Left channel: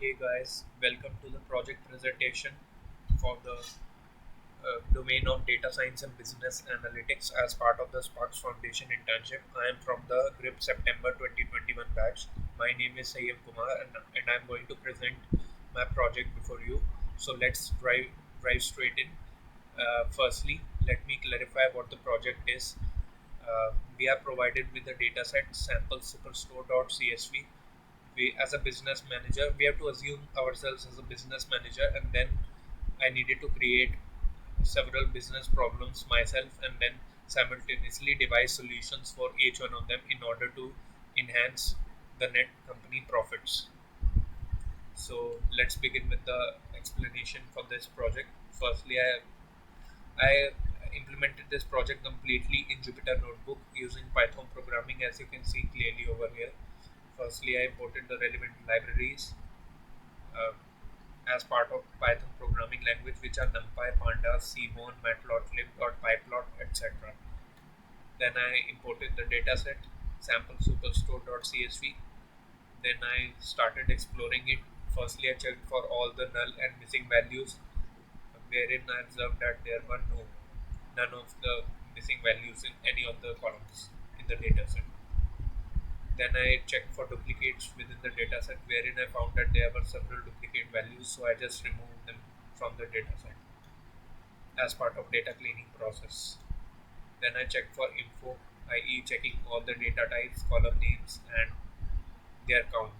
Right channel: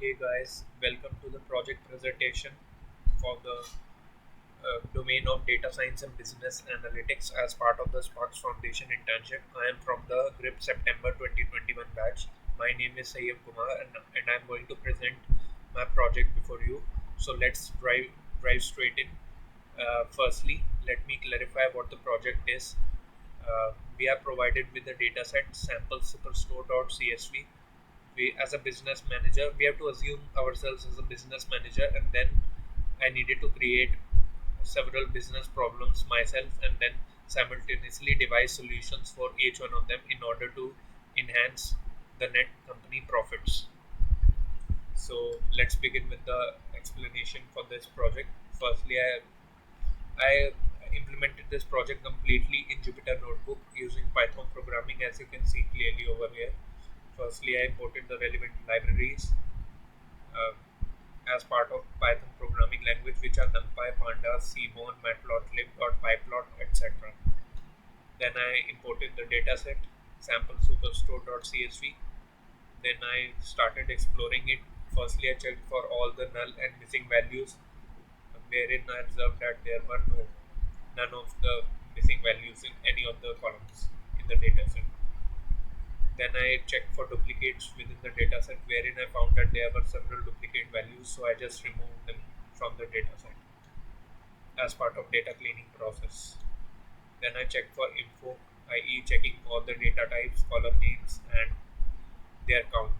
Hey guys, welcome to the project presentation for the domain of data science and business analytics as part of the Sparks Foundation internship. I am from the GRIP September 2021 batch. My name is Sayyam Kumar and I'm going to present my project before you. So let's drive straight in. Firstly, let me clarify what the project is. We are provided with the dataset sample superstore.csv. We, as a business manager, we have to assume ourselves as a business manager, and then I needed to create several business problems myself and then simultaneously devise solutions for each one of them in order to enhance the net company profits. So let's begin with the explanation for this project. Firstly, I implemented this project completely in Jupyter Notebook using Python programming, as you can see clearly over here. Firstly, I imported the relevant libraries uh, as part of Python programming language, which are NumPy, Pandas, Seaborn, Matplotlib, .pyplot, etc. Then I imported the dataset sample superstore.csv. Then I started exploring it. Firstly, I checked for all the null and missing values, wherein I observed that there were none of the missing values in any of the columns in the dataset. Then I checked for duplicates within the dataset, wherein I found that there were several duplicate values, so I just removed them from the dataset as part of data cleaning process. Then I checked for info, i.e., checking all the data types, column names, and their count.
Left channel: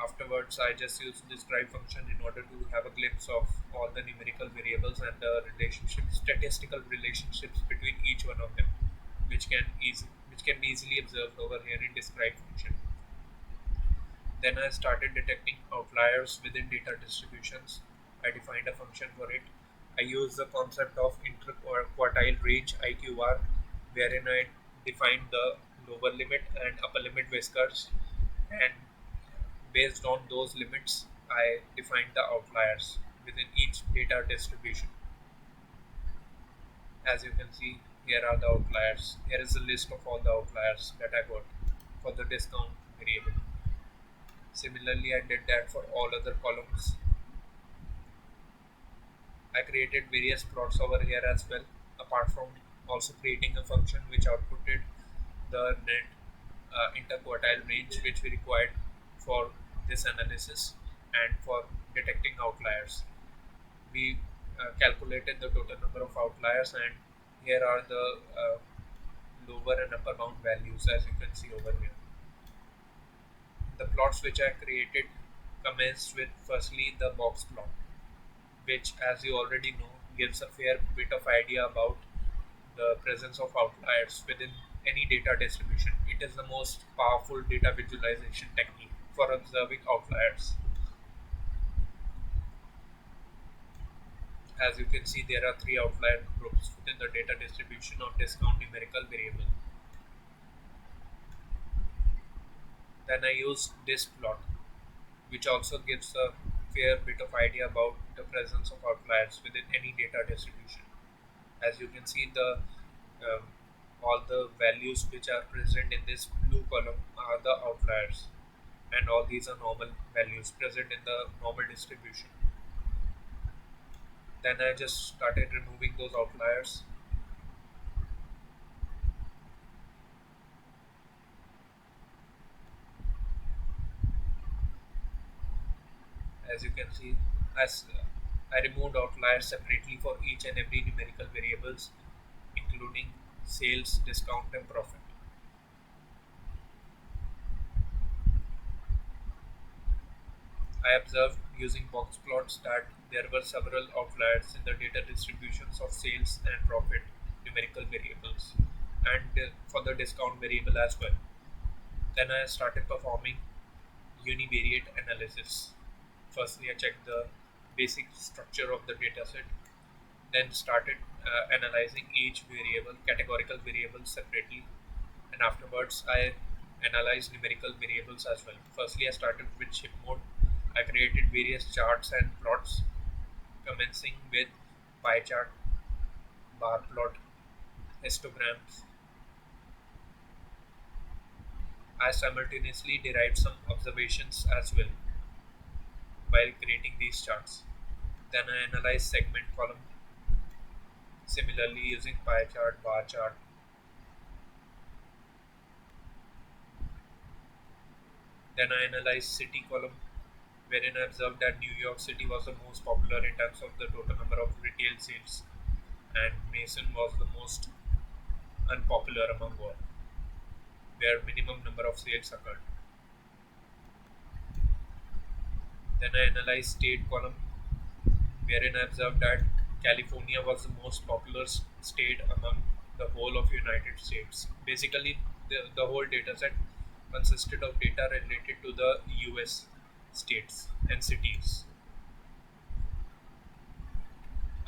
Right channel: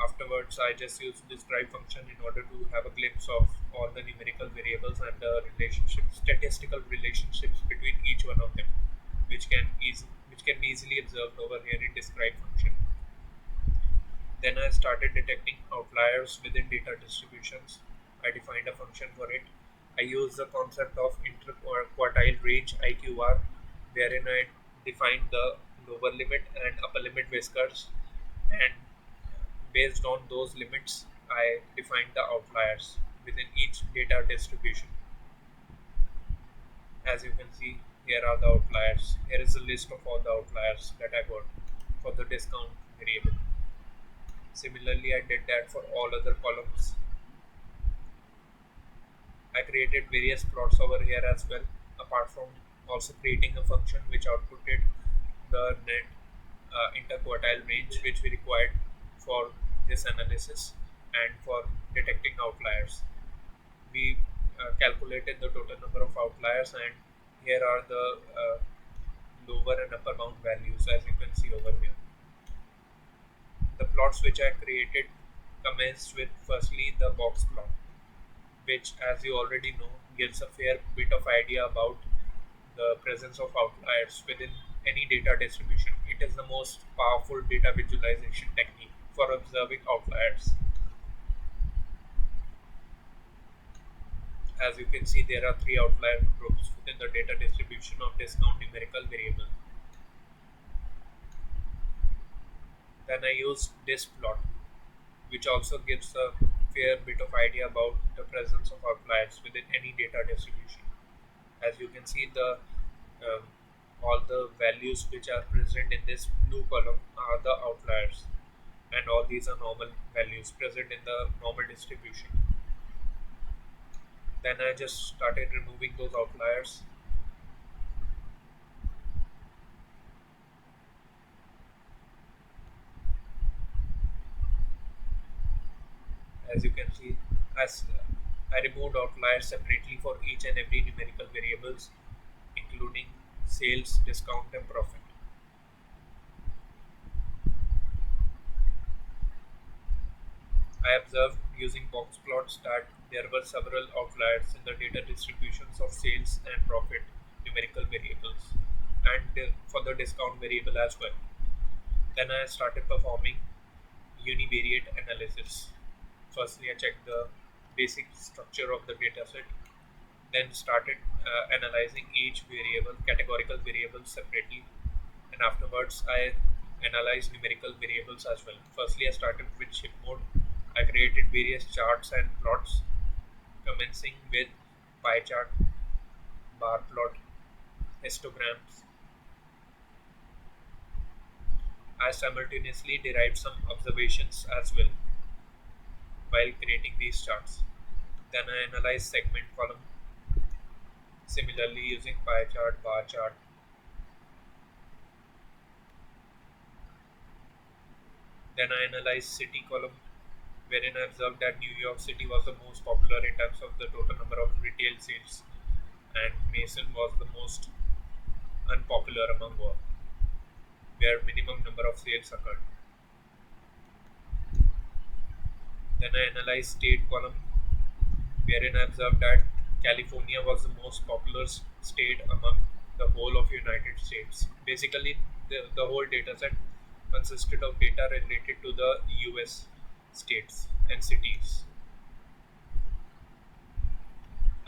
Afterwards, I just used this drive function in order to have a glimpse of all the numerical variables and the relationships, statistical relationships between each one of them, which can be easily observed over here in describe function. Then I started detecting outliers within data distributions. I defined a function for it. I used the concept of interquartile range IQR, wherein I defined the lower limit and upper limit whiskers, and based on those limits, I defined the outliers within each data distribution. As you can see, here are the outliers. Here is a list of all the outliers that I got for the discount variable. Similarly, I did that for all other columns. I created various plots over here as well, apart from also creating a function which outputted the net interquartile range which we required for this analysis and for detecting outliers. We calculated the total number of outliers, and here are the lower and upper bound values, as you can see over here. The plots which I created commenced with firstly the box plot, which, as you already know, gives a fair bit of idea about the presence of outliers within any data distribution. It is the most powerful data visualization technique for observing outliers. As you can see, there are three outlier groups within the data distribution of discount numerical variable. Then I use this plot, which also gives a fair bit of idea about the presence of outliers within any data distribution. As you can see, the um, all the values which are present in this blue column are the outliers, and all these are normal values present in the normal distribution. Then I just started removing those outliers. As you can see, as I removed outliers separately for each and every numerical variables, including sales, discount, and profit. I observed using box plots that there were several outliers in the data distributions of sales and profit numerical variables, and for the discount variable as well. Then I started performing univariate analysis. Firstly, I checked the basic structure of the dataset, then started analyzing each variable, categorical variables separately, and afterwards I analyzed numerical variables as well. Firstly, I started with ship mode. I created various charts and plots, commencing with pie chart, bar plot, histograms. I simultaneously derived some observations as well while creating these charts. Then I analyzed segment column similarly using pie chart, bar chart. Then I analyzed city column wherein I observed that New York City was the most popular in terms of the total number of retail sales and Mason was the most unpopular among all, where minimum number of sales occurred. Then I analyzed state column wherein I observed that California was the most popular state among the whole of United States. Basically, the whole data set consisted of data related to the US states and cities.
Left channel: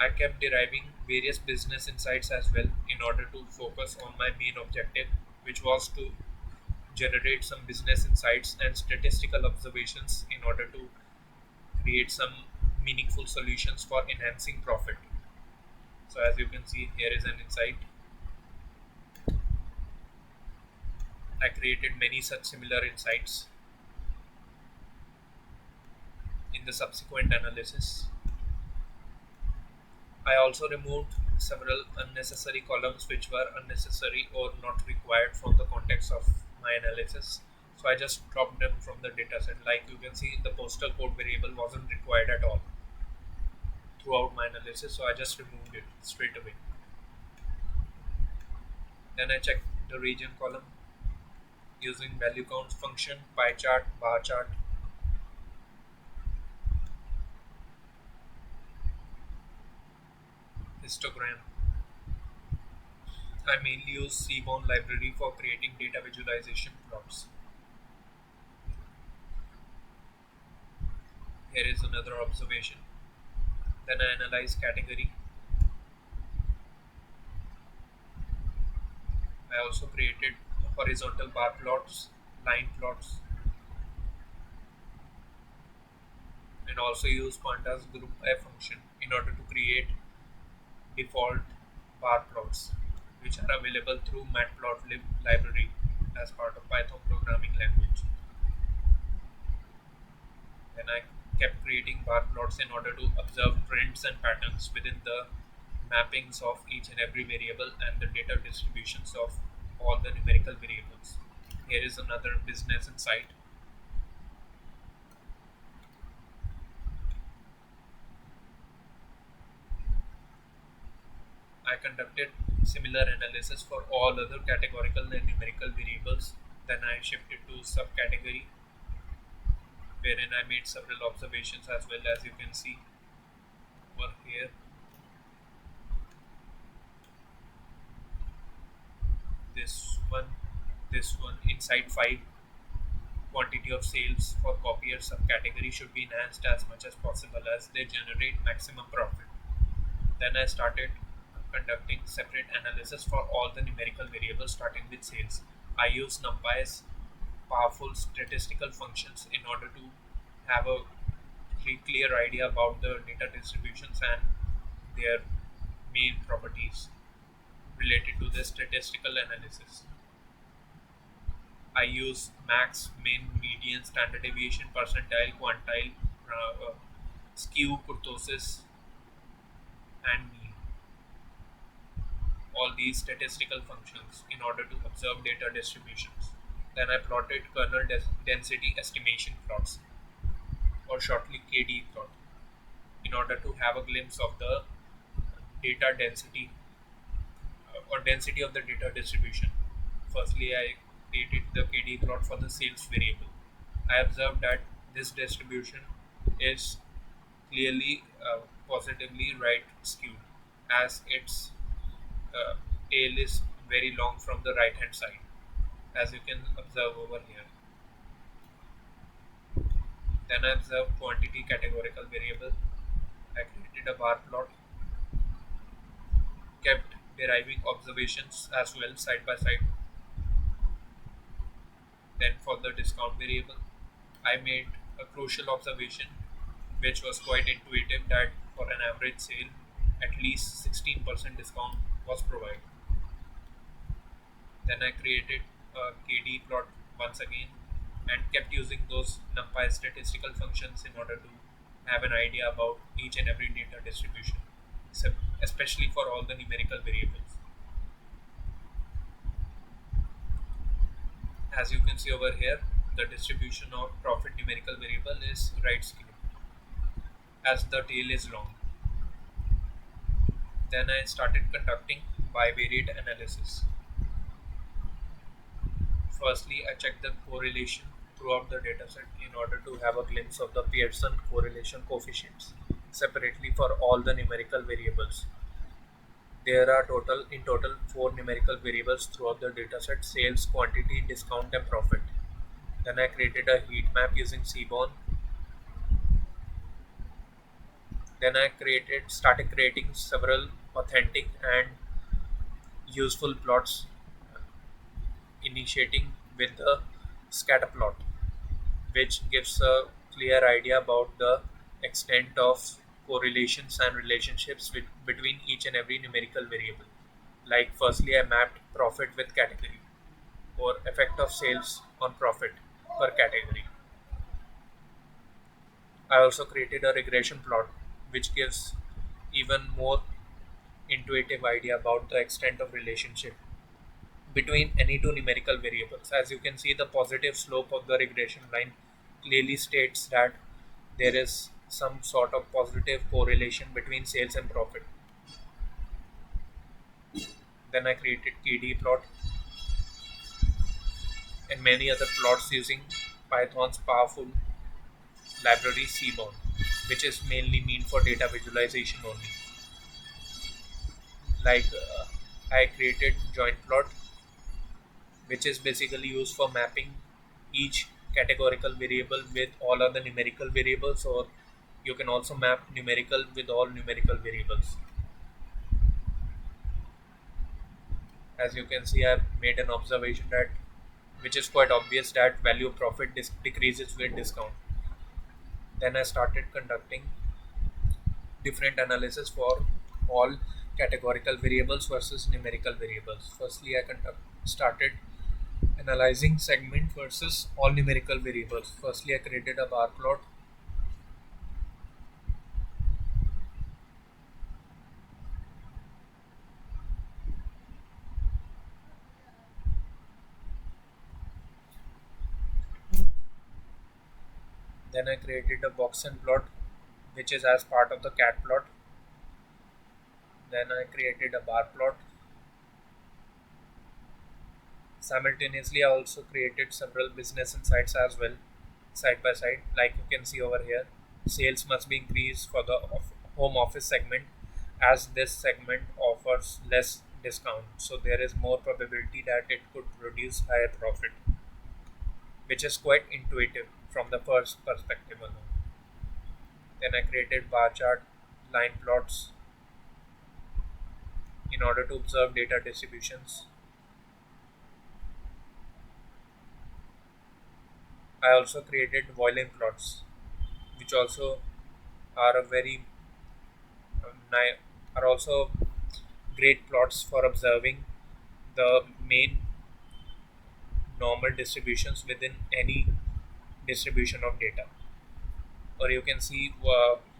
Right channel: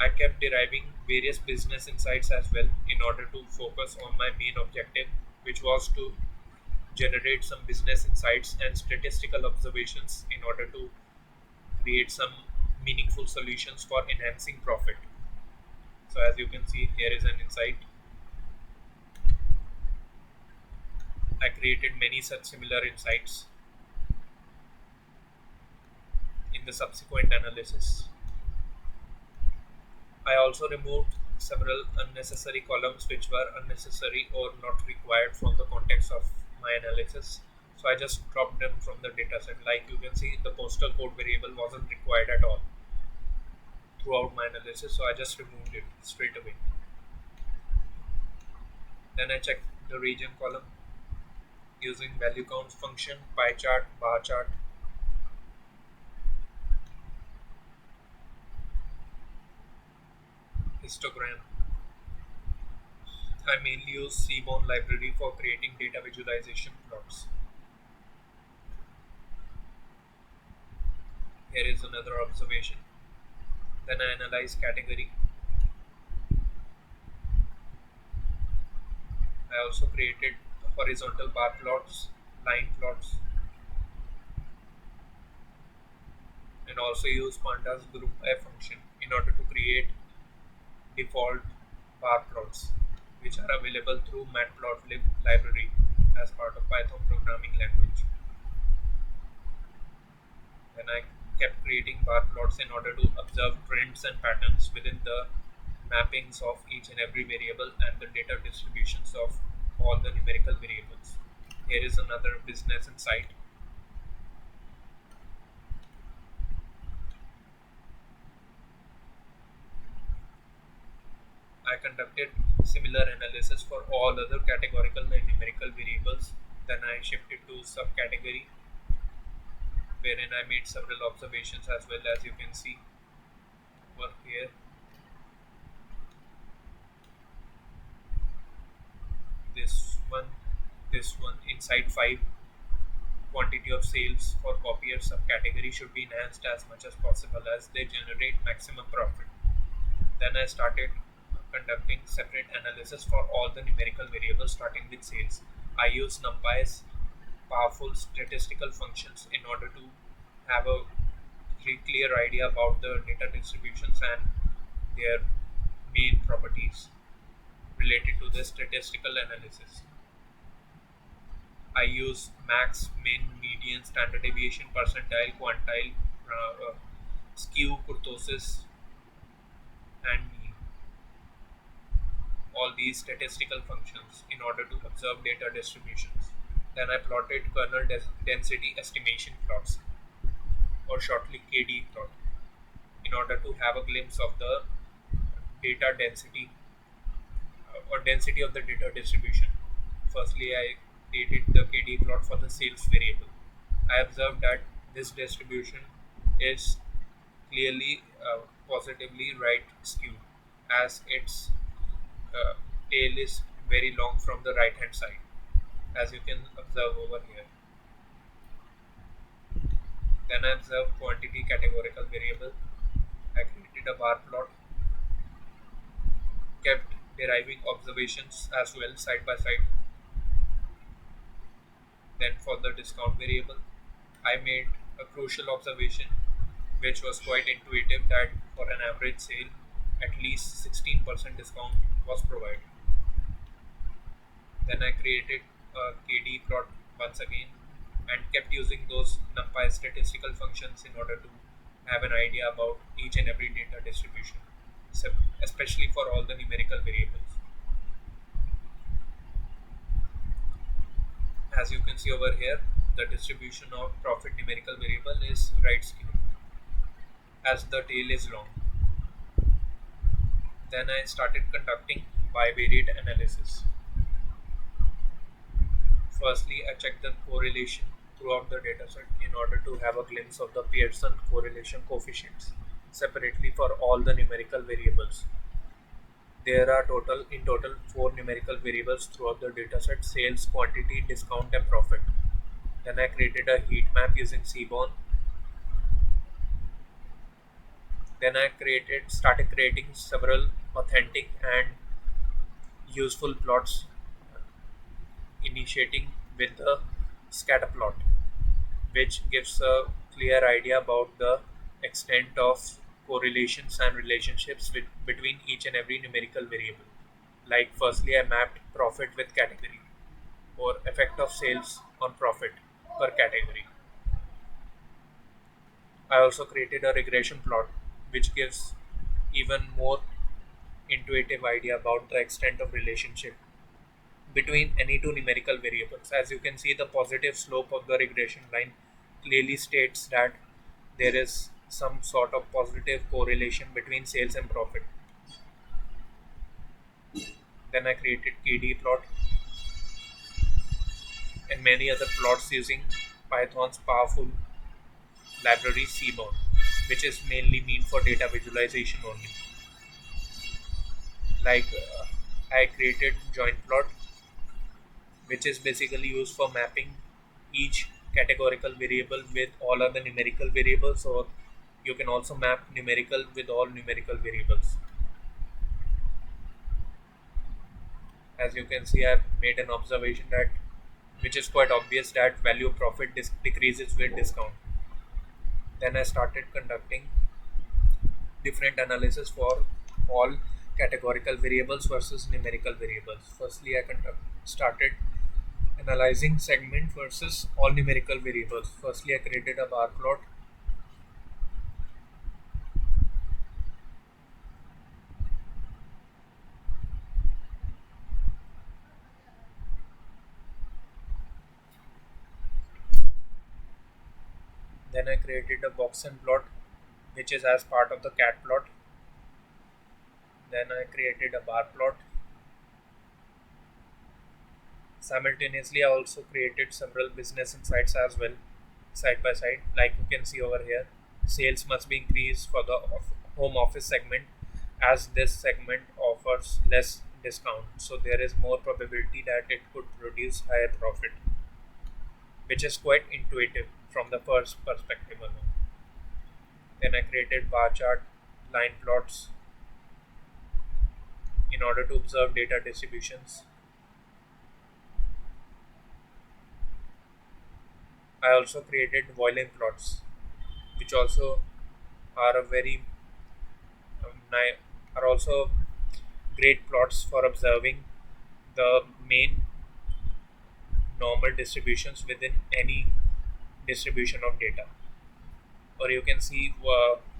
I kept deriving various business insights as well in order to focus on my main objective, which was to generate some business insights and statistical observations in order to create some meaningful solutions for enhancing profit. So, as you can see, here is an insight. I created many such similar insights in the subsequent analysis. I also removed several unnecessary columns which were unnecessary or not required from the context of my analysis. So I just dropped them from the dataset. Like you can see, the postal code variable wasn't required at all throughout my analysis, so I just removed it straight away. Then I checked the region column using value count function, pie chart, bar chart. Histogram. I mainly use Seaborn library for creating data visualization plots. Here is another observation. Then I analyze category. I also created horizontal bar plots, line plots, and also use pandas group by function in order to create default bar plots, which are available through matplotlib library as part of Python programming language. Then I kept creating bar plots in order to observe trends and patterns within the mappings of each and every variable and the data distributions of all the numerical variables. Here is another business insight. I conducted similar analysis for all other categorical and numerical variables. Then I shifted to subcategory wherein I made several observations as well, as you can see over here. This one, this one, inside 5, quantity of sales for copier subcategory should be enhanced as much as possible as they generate maximum profit. Then I started conducting separate analysis for all the numerical variables starting with sales. I use NumPy's powerful statistical functions in order to have a clear idea about the data distributions and their main properties related to the statistical analysis. I use max, min, median, standard deviation, percentile, quantile, skew, kurtosis, and mean. All these statistical functions in order to observe data distributions. Then I plotted kernel density estimation plots, or shortly KD plot, in order to have a glimpse of the data density or density of the data distribution. Firstly, I created the KD plot for the sales variable. I observed that this distribution is clearly positively right skewed, as its uh, tail is very long from the right hand side, as you can observe over here. Then I observed quantity categorical variable. I created a bar plot, kept deriving observations as well side by side. Then for the discount variable, I made a crucial observation which was quite intuitive, that for an average sale, at least 16% discount was provided. Then I created a KD plot once again, and kept using those NumPy statistical functions in order to have an idea about each and every data distribution, so especially for all the numerical variables. As you can see over here, the distribution of profit numerical variable is right skewed as the tail is long. Then I started conducting bivariate analysis. Firstly, I checked the correlation throughout the dataset in order to have a glimpse of the Pearson correlation coefficients separately for all the numerical variables. There are total four numerical variables throughout the dataset: sales, quantity, discount, and profit. Then I created a heat map using Seaborn. Then I started creating several authentic and useful plots, initiating with the scatter plot, which gives a clear idea about the extent of correlations and relationships between each and every numerical variable. Like, firstly, I mapped profit with category, or effect of sales on profit per category. I also created a regression plot, which gives even more intuitive idea about the extent of relationship between any two numerical variables. As you can see, the positive slope of the regression line clearly states that there is some sort of positive correlation between sales and profit. Then I created KD plot and many other plots using Python's powerful library Seaborn, which is mainly meant for data visualization only. Like, I created joint plot, which is basically used for mapping each categorical variable with all other numerical variables, or you can also map numerical with all numerical variables. As you can see, I've made an observation that which is quite obvious, that value of profit decreases with discount. Then I started conducting different analysis for all categorical variables versus numerical variables. Firstly, started analyzing segment versus all numerical variables. Firstly, I created a bar plot. Then I created a Boxen plot, which is as part of the cat plot. Then I created a bar plot. Simultaneously, I also created several business insights as well, side by side. Like you can see over here, sales must be increased for the home office segment, as this segment offers less discount. So there is more probability that it could produce higher profit, which is quite intuitive from the first perspective alone. Then I created bar chart, line plots in order to observe data distributions. I also created Voilin plots, which also are a very ni- are also great plots for observing the main normal distributions within any distribution of data. Or you can see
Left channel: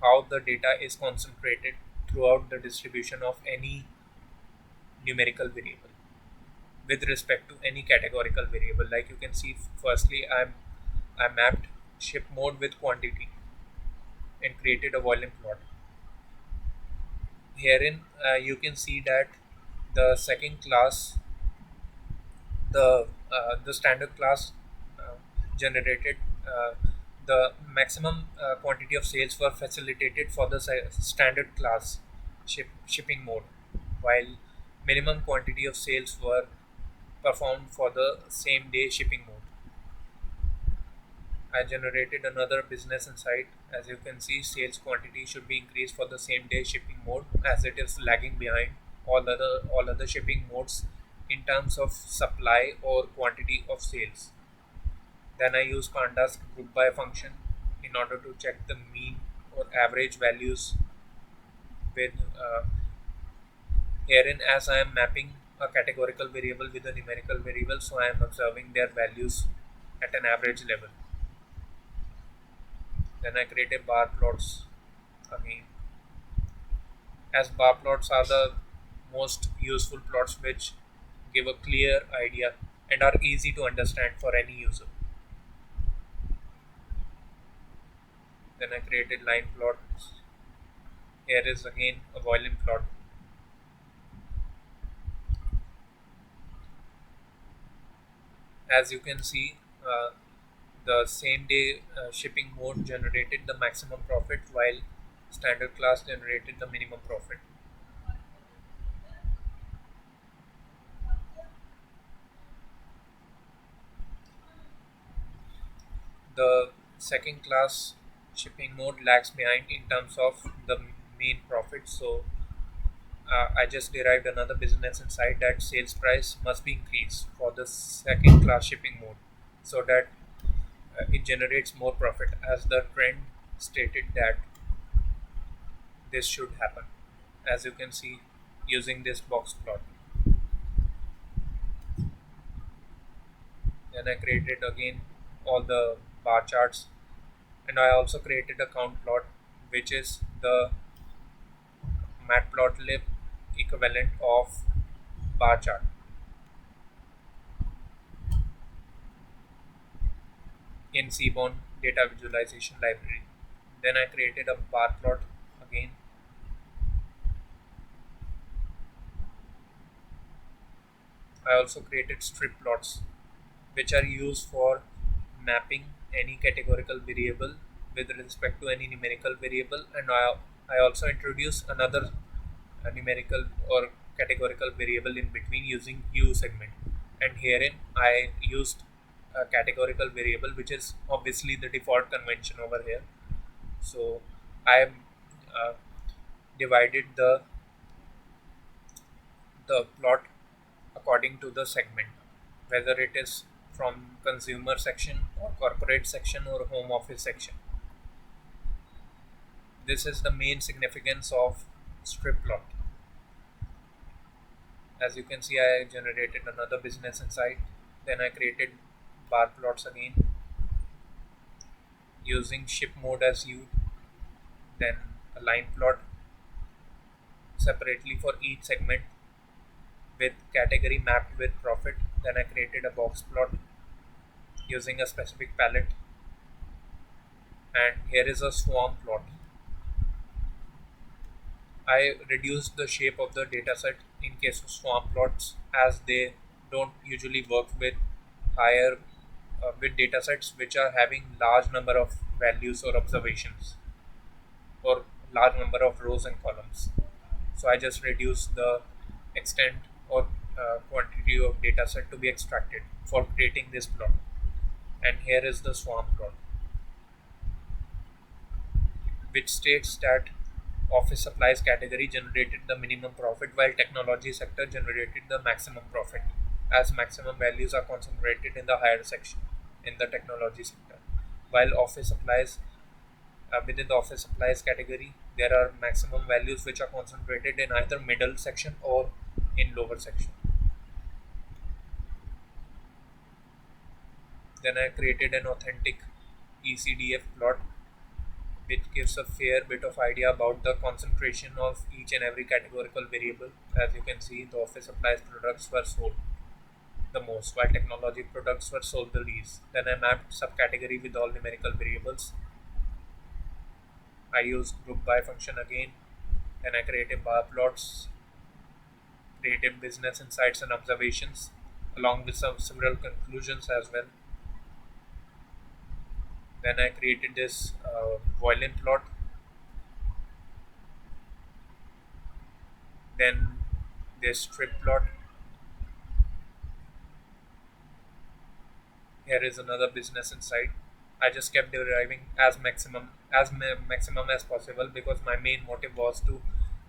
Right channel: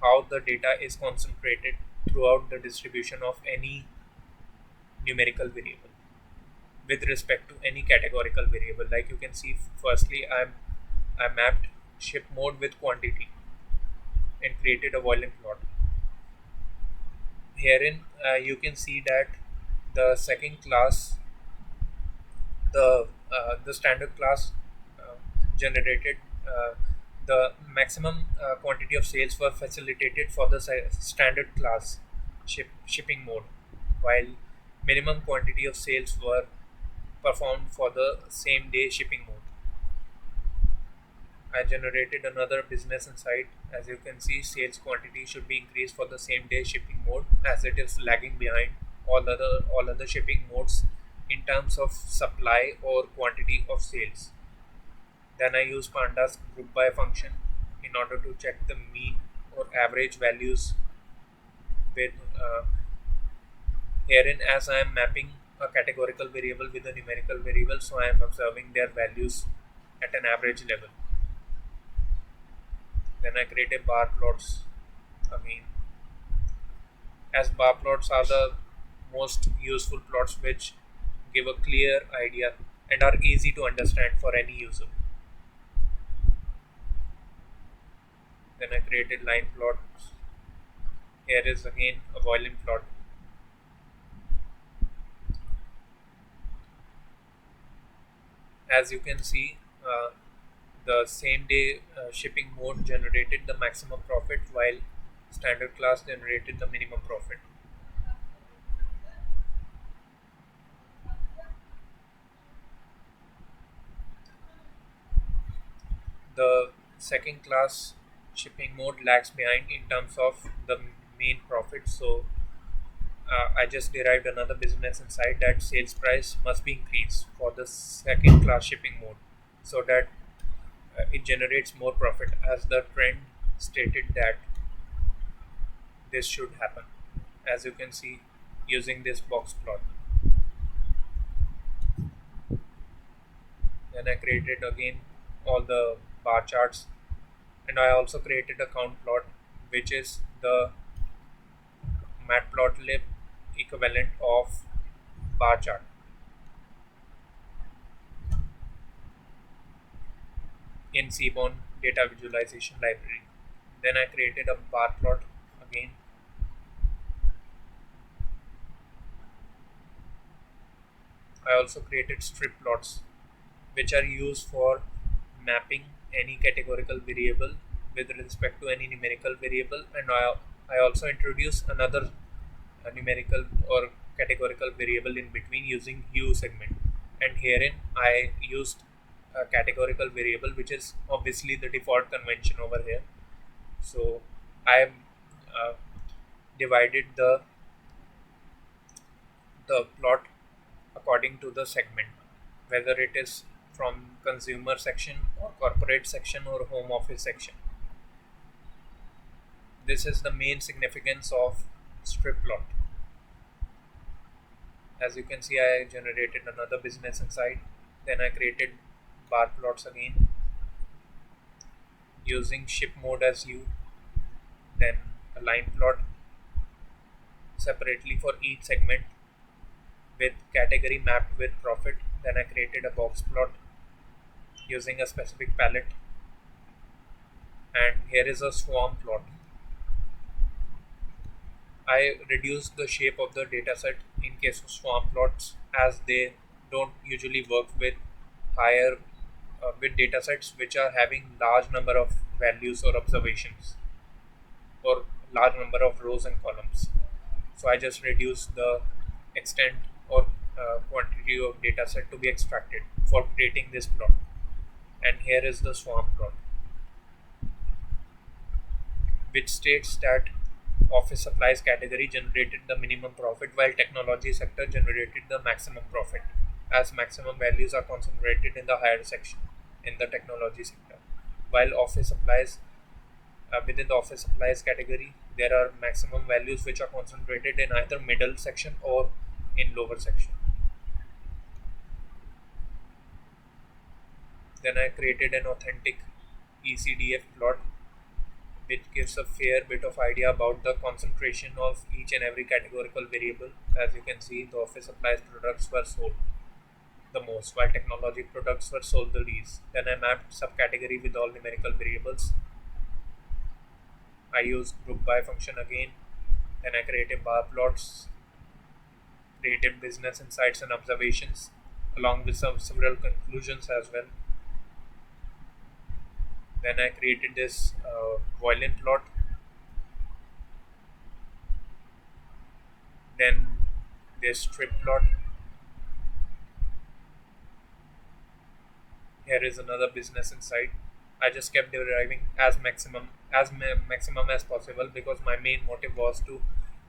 how the data is concentrated throughout the distribution of any numerical variable with respect to any categorical variable. Like you can see, firstly, I mapped ship mode with quantity and created a volume plot. Herein, you can see that the second class, the standard class, uh, generated the maximum quantity of sales were facilitated for the standard class shipping mode, while minimum quantity of sales were performed for the same day shipping mode. I generated another business insight. As you can see, sales quantity should be increased for the same day shipping mode, as it is lagging behind all other shipping modes in terms of supply or quantity of sales. Then I use pandas group by function in order to check the mean or average values with herein, as I am mapping a categorical variable with a numerical variable, so I am observing their values at an average level. Then I created bar plots again, as bar plots are the most useful plots which give a clear idea and are easy to understand for any user. Then I created line plots. Here is again a violin plot. As you can see, the same day shipping mode generated the maximum profit while standard class generated the minimum profit. The second class shipping mode lags behind in terms of the main profit, so I just derived another business insight that sales price must be increased for the second class shipping mode so that it generates more profit, as the trend stated that this should happen, as you can see using this box plot. Then I created again all the bar charts, and I also created a count plot, which is the matplotlib equivalent of bar chart in Seaborn data visualization library. Then I created a bar plot again. I also created strip plots, which are used for mapping any categorical variable with respect to any numerical variable, and I also introduced another numerical or categorical variable in between using hue segment, and herein I used a categorical variable, which is obviously the default convention over here. So I uh, divided the plot according to the segment, whether it is from consumer section or corporate section or home office section. This is the main significance of strip plot. As you can see, I generated another business insight. Then I created bar plots again using ship mode as you, then a line plot separately for each segment with category mapped with profit. Then I created a box plot using a specific palette, and here is a swarm plot. I reduced the shape of the dataset in case of swarm plots, as they don't usually work with higher with datasets which are having large number of values or observations or large number of rows and columns. So I just reduced the extent or quantity of dataset to be extracted for creating this plot. And here is the swarm plot, which states that office supplies category generated the minimum profit while technology sector generated the maximum profit, as maximum values are concentrated in the higher section in the technology sector, while office supplies within the office supplies category there are maximum values which are concentrated in either middle section or in lower section. Then I created an authentic ECDF plot which gives a fair bit of idea about the concentration of each and every categorical variable. As you can see, the office supplies products were sold the most, while technology products were sold the least. Then I mapped subcategory with all numerical variables. I used group by function again. Then I created bar plots, created business insights and observations, along with several conclusions as well. Then I created this violin plot. Then this strip plot. Here is another business insight. I just kept deriving maximum as possible because my main motive was to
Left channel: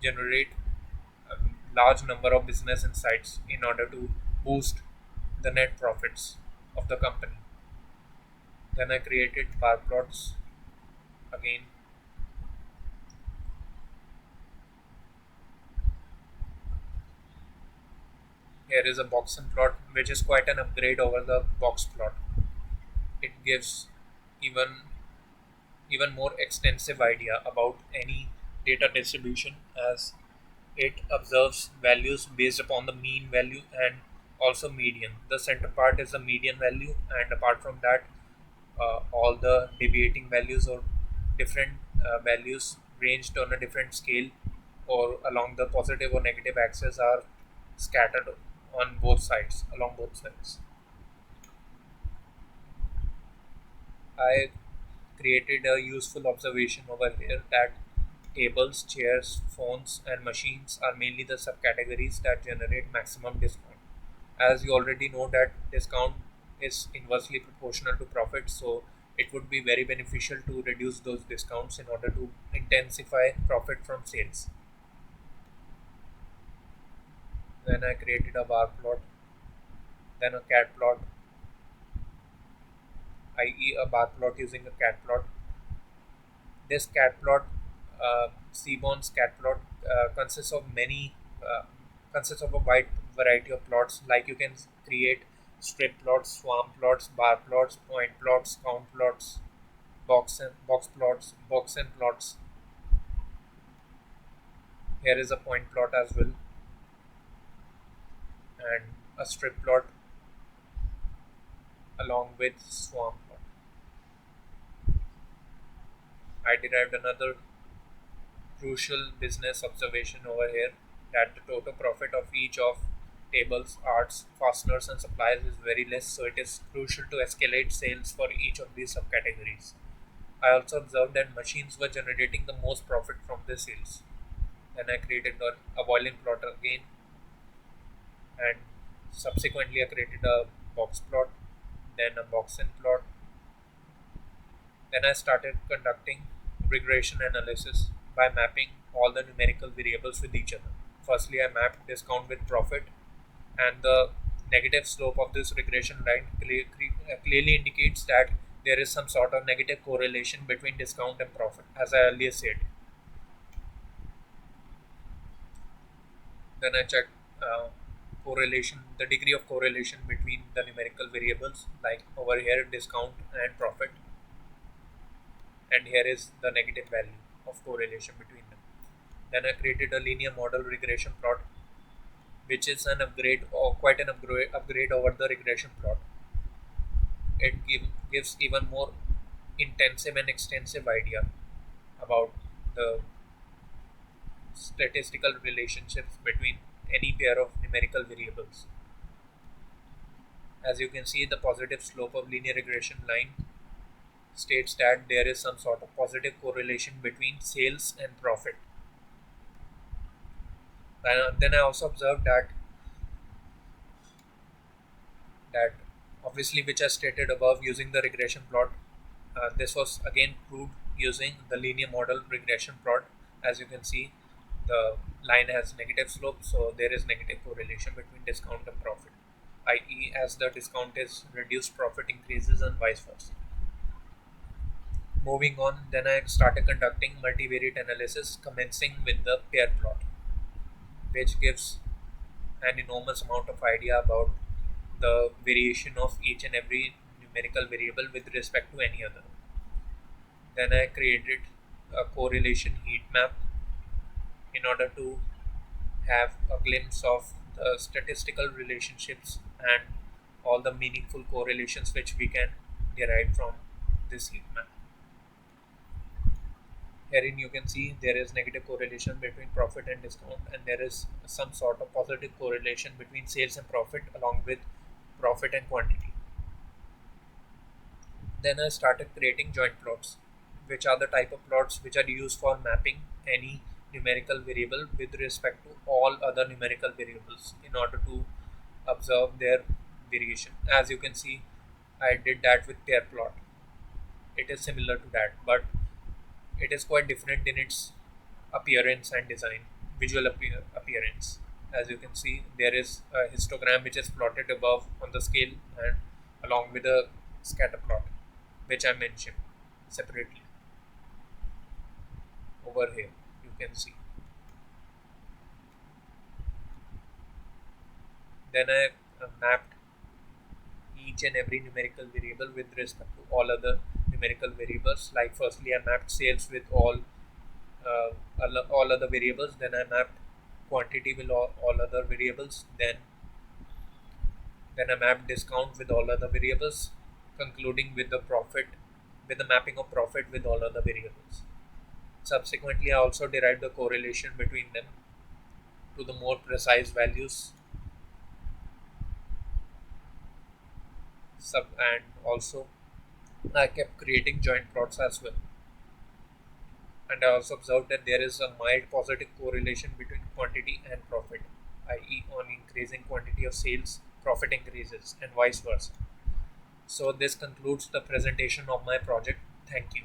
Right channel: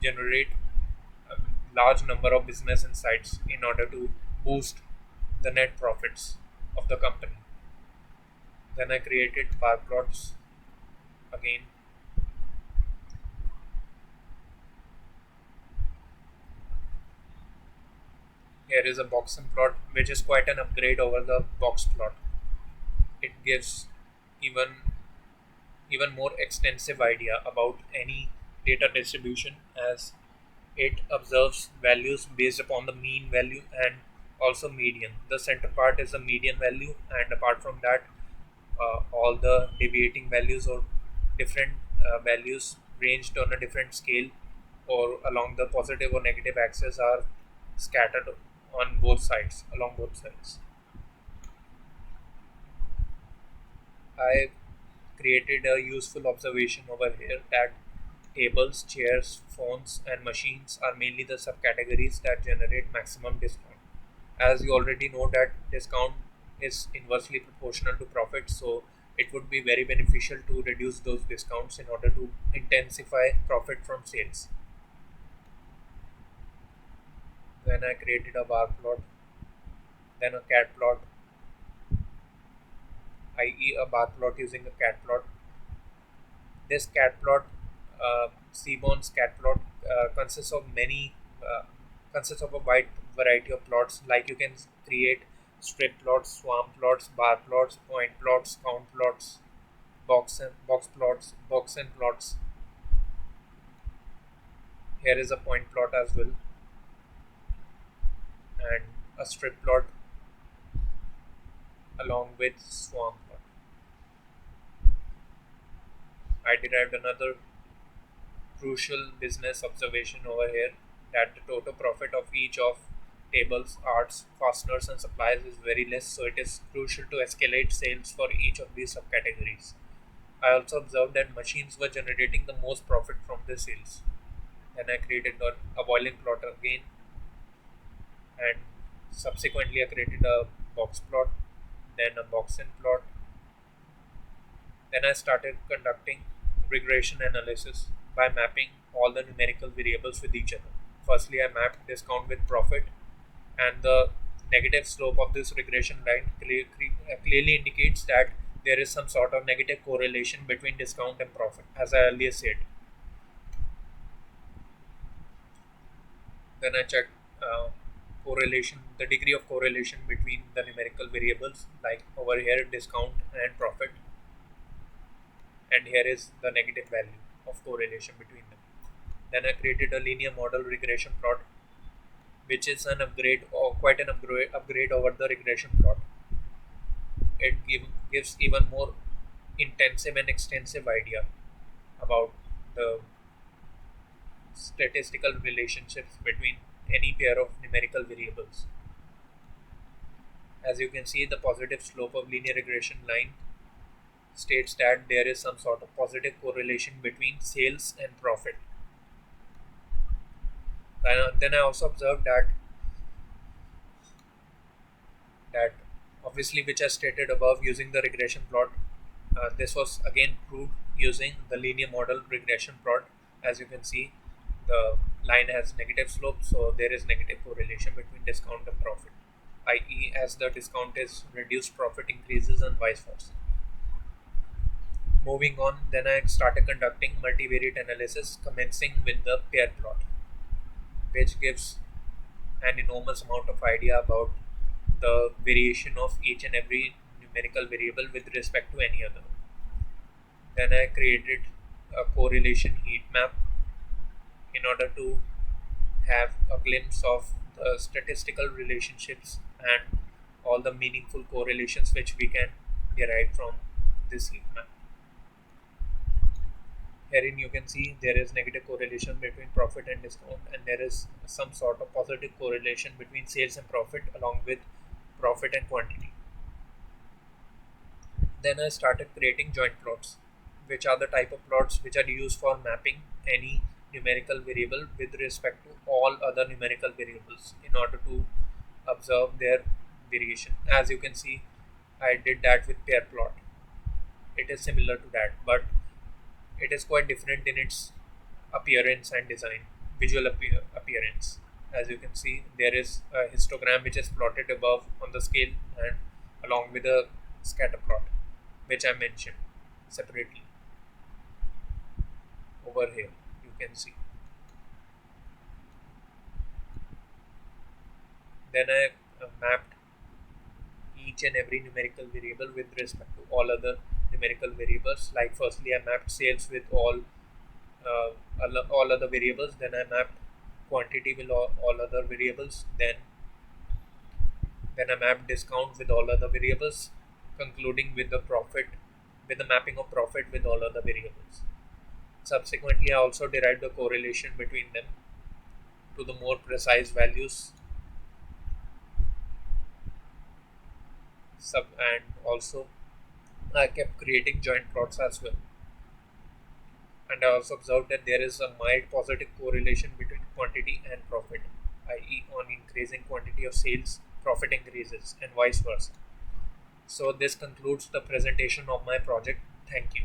generate a large number of business insights in order to boost the net profits of the company. Then I created bar plots again. Here is a Boxen plot, which is quite an upgrade over the box plot. gives even even more extensive idea about any data distribution, as it observes values based upon the mean value and also median. The center part is the median value, and apart from that, all the deviating values or different values ranged on a different scale or along the positive or negative axis are scattered on both sides, along both sides. I created a useful observation over here that tables, chairs, phones, and machines are mainly the subcategories that generate maximum discount. As you already know that discount is inversely proportional to profit, so it would be very beneficial to reduce those discounts in order to intensify profit from sales. Then I created a bar plot, then a cat plot, i.e. a bar plot using a cat plot. This cat plot, Seaborn's cat plot, consists of many, consists of a wide variety of plots. Like you can create strip plots, swarm plots, bar plots, point plots, count plots, box plots, box and plots. Here is a point plot as well, and a strip plot along with swarm plot. I derived another crucial business observation over here, that the total profit of each of tables, arts, fasteners, and supplies is very less, so it is crucial to escalate sales for each of these subcategories. I also observed that machines were generating the most profit from the sales. Then I created a boiling plot again, and subsequently I created a box plot, then a box in plot. Then I started conducting regression analysis by mapping all the numerical variables with each other. Firstly, I mapped discount with profit, and the negative slope of this regression line clearly indicates that there is some sort of negative correlation between discount and profit, as I earlier said. Then I checked the degree of correlation between the numerical variables, like over here discount and profit, and here is the negative value of correlation between them. Then I created a linear model regression plot, which is an upgrade or quite an upgrade over the regression plot. Gives even more intensive and extensive idea about the statistical relationships between any pair of numerical variables. As you can see, the positive slope of linear regression line states that there is some sort of positive correlation between sales and profit. Then I also observed that obviously, which I stated above using the regression plot, this was again proved using the linear model regression plot. As you can see, the line has negative slope, so there is negative correlation between discount and profit, i.e., as the discount is reduced, profit increases, and vice versa. Moving on, then I started conducting multivariate analysis, commencing with the pair plot, which gives an enormous amount of idea about the variation of each and every numerical variable with respect to any other. Then I created a correlation heat map in order to have a glimpse of the statistical relationships and all the meaningful correlations which we can derive from this heat map. Herein you can see there is negative correlation between profit and discount, and there is some sort of positive correlation between sales and profit along with profit and quantity. Then I started creating joint plots, which are the type of plots which are used for mapping any numerical variable with respect to all other numerical variables in order to observe their variation. As you can see, I did that with pair plot. It is similar to that, but it is quite different in its appearance and design, appearance. As you can see, there is a histogram which is plotted above on the scale and along with a scatter plot, which I mentioned separately over here. You can see. Then I mapped each and every numerical variable with respect to all other numerical variables. Like firstly, I mapped sales with uh, all other variables. Then I mapped quantity with all other variables. Then I mapped discount with all other variables, concluding with the mapping of profit with all other variables. Subsequently, I also derived the correlation between them to the more precise values. And also I kept creating joint plots as well. And I also observed that there is a mild positive correlation between quantity and profit, i.e., on increasing quantity of sales, profit increases, and vice versa. So, this concludes the presentation of my project. Thank you.